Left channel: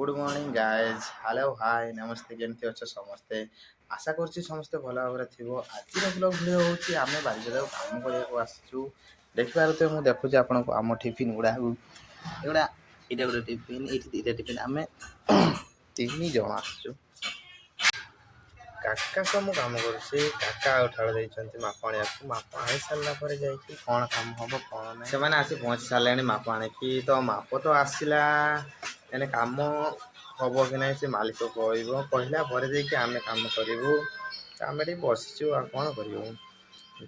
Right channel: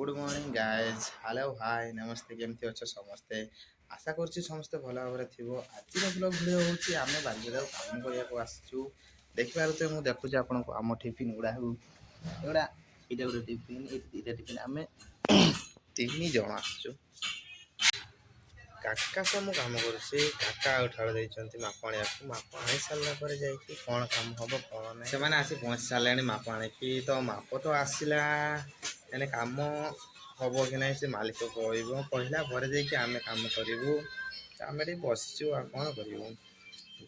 Good morning guys hello hi नमस्ते केमती अच्छे समस्ते आशा करुच्ची समस्ते भल भाव थो आज ब्लॉग भिडियो हूँ आम बारिपदा काम करने आसचु देखिपारे मुझे देखुची आपन को आम टिफिन गुड़ा एगुड़ा ये गोटे टिफिन ये दुटा टिफिन आम तीन जन आसचु काका सब मु काम करुच्ची काका उठाड़ देते माप आने माप आनी सारापर जा कौन काम हम कौन ना से आसी पहुँची सारे माप आणिकी तो माप तो आसला एने काम हम कि ना से मालिक कहला आम कम करूँ आम ये बसचु आ कौन कर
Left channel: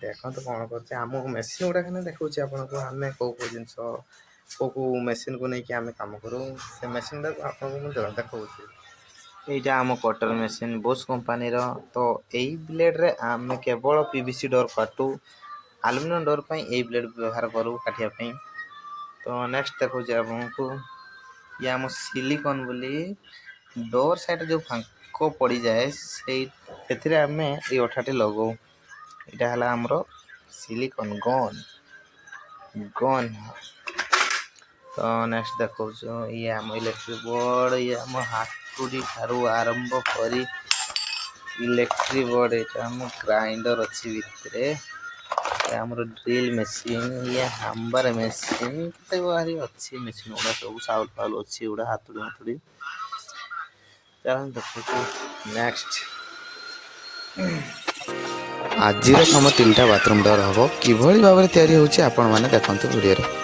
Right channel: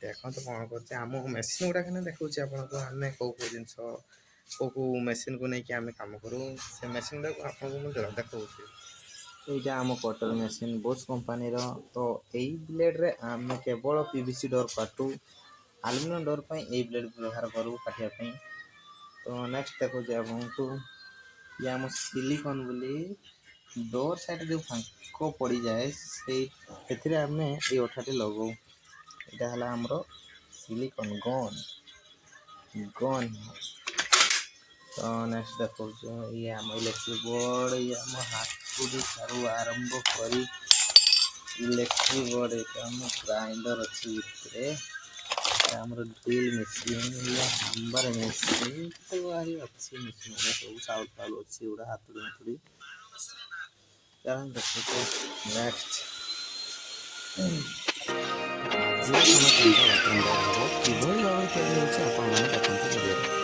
देखो तो कौन करम मेसीन गुड़ा खाना देखा आपन को आम कौ कौ जिन कौ मेसीन को लेकिन आम कम करूँ से मेसीन गुड़ा आपको देखा यहाँ आम कटर मेसीन बोस कंपानी तो यही ब्लेड रे आम केवल पीवीसी डोर काटू आलुमिनियम डोर पर यही ब्लेड व्यवहार करूँ काटियापी तो नेक्स्ट देखा आपको ये आम सिलिकन बोली डोर साइड जो फांक पड़ जाए से आम ये अठाटे लगो यहाँ है आमर सिलिकन गन गन तो नेक्स्ट देखो ये आम इलेक्ट्रिक बोर्ड ये आम हाथुड़ी ठारू आरंभ कर इलेक्ट्रिक बोर्ड ये आम ग्राइंडर अच्छी भितर आमर ड्रिल मेसीन ये हाम्बर मेसीन कते बाहरी अच्छी मेसीन गुड़ा सब साउल फाउल अच्छी गुड़ा हाथुड़ी हाथुड़ी देखो नेक्स्ट आज हम 3टा बाथरूम डोर हम कि भाव में तैयारी होची आपण माने देखंतु वीडियो रे।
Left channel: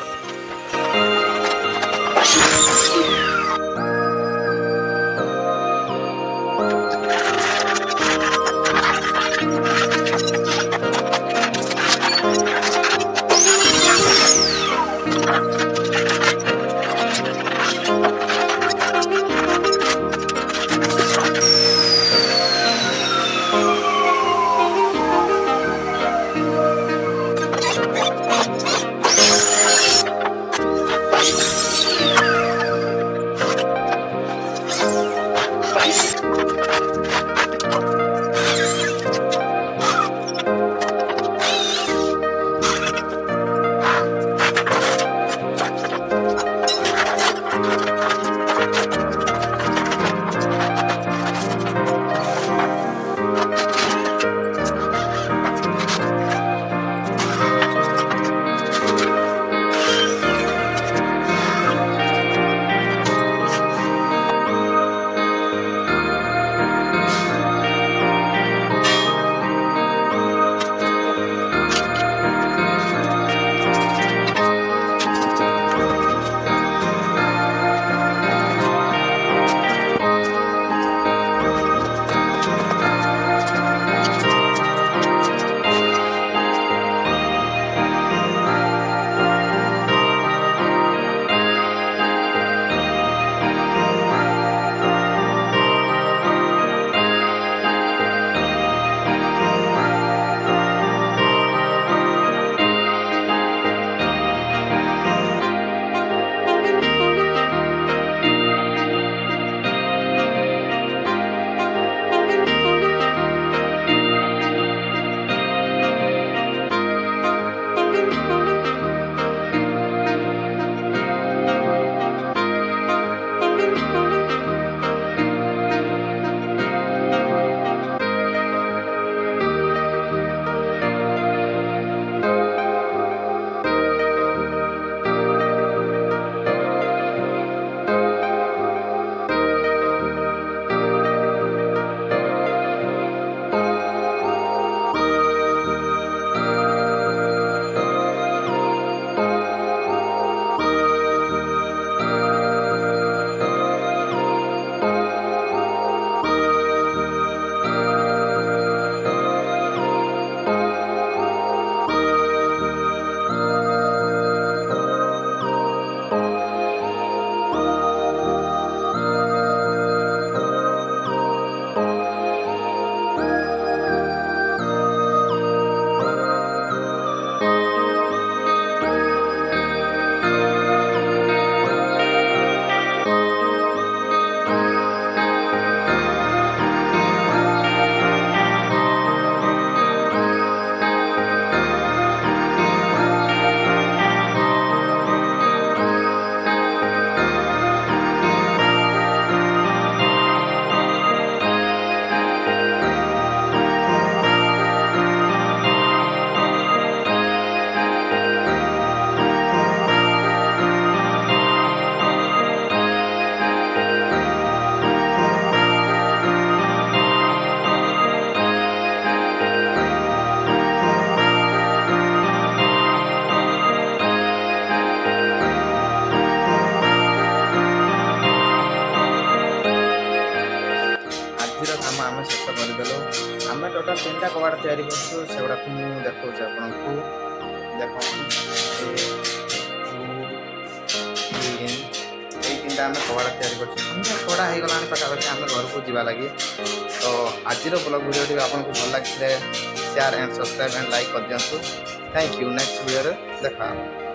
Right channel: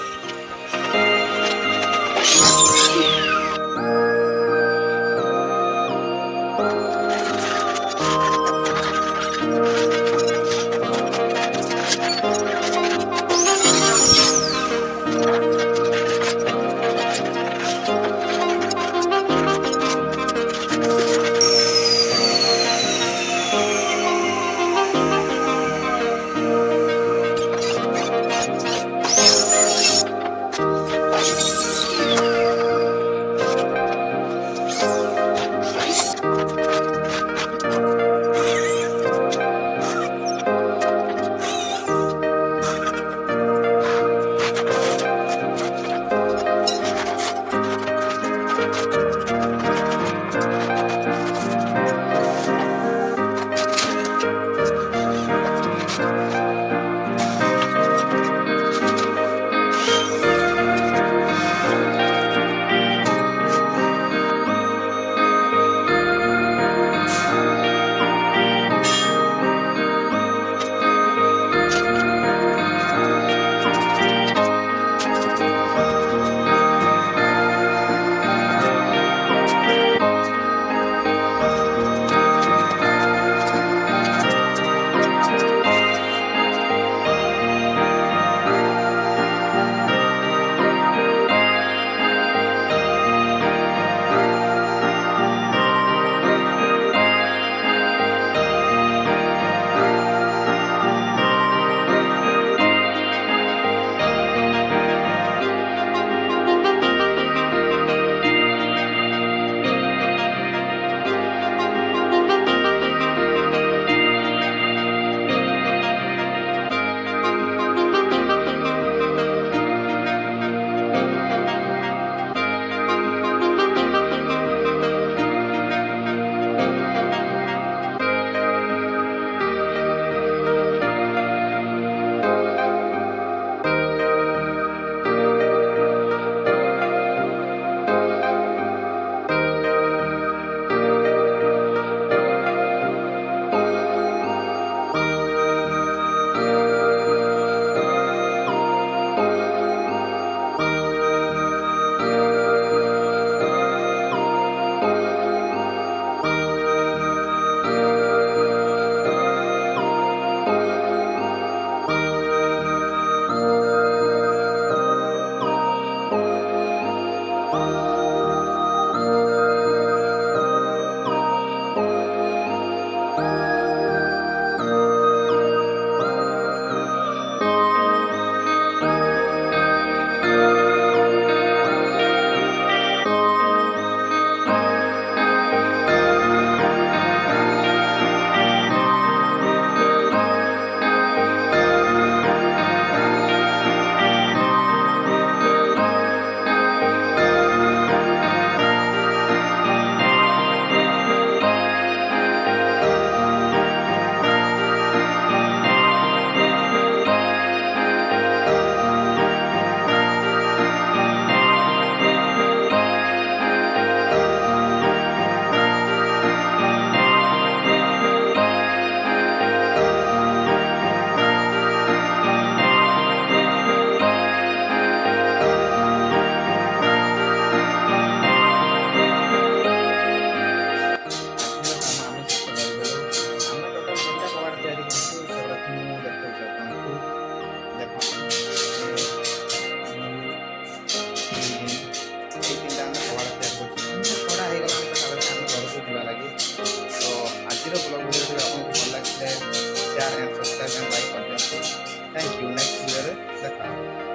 ହଉ।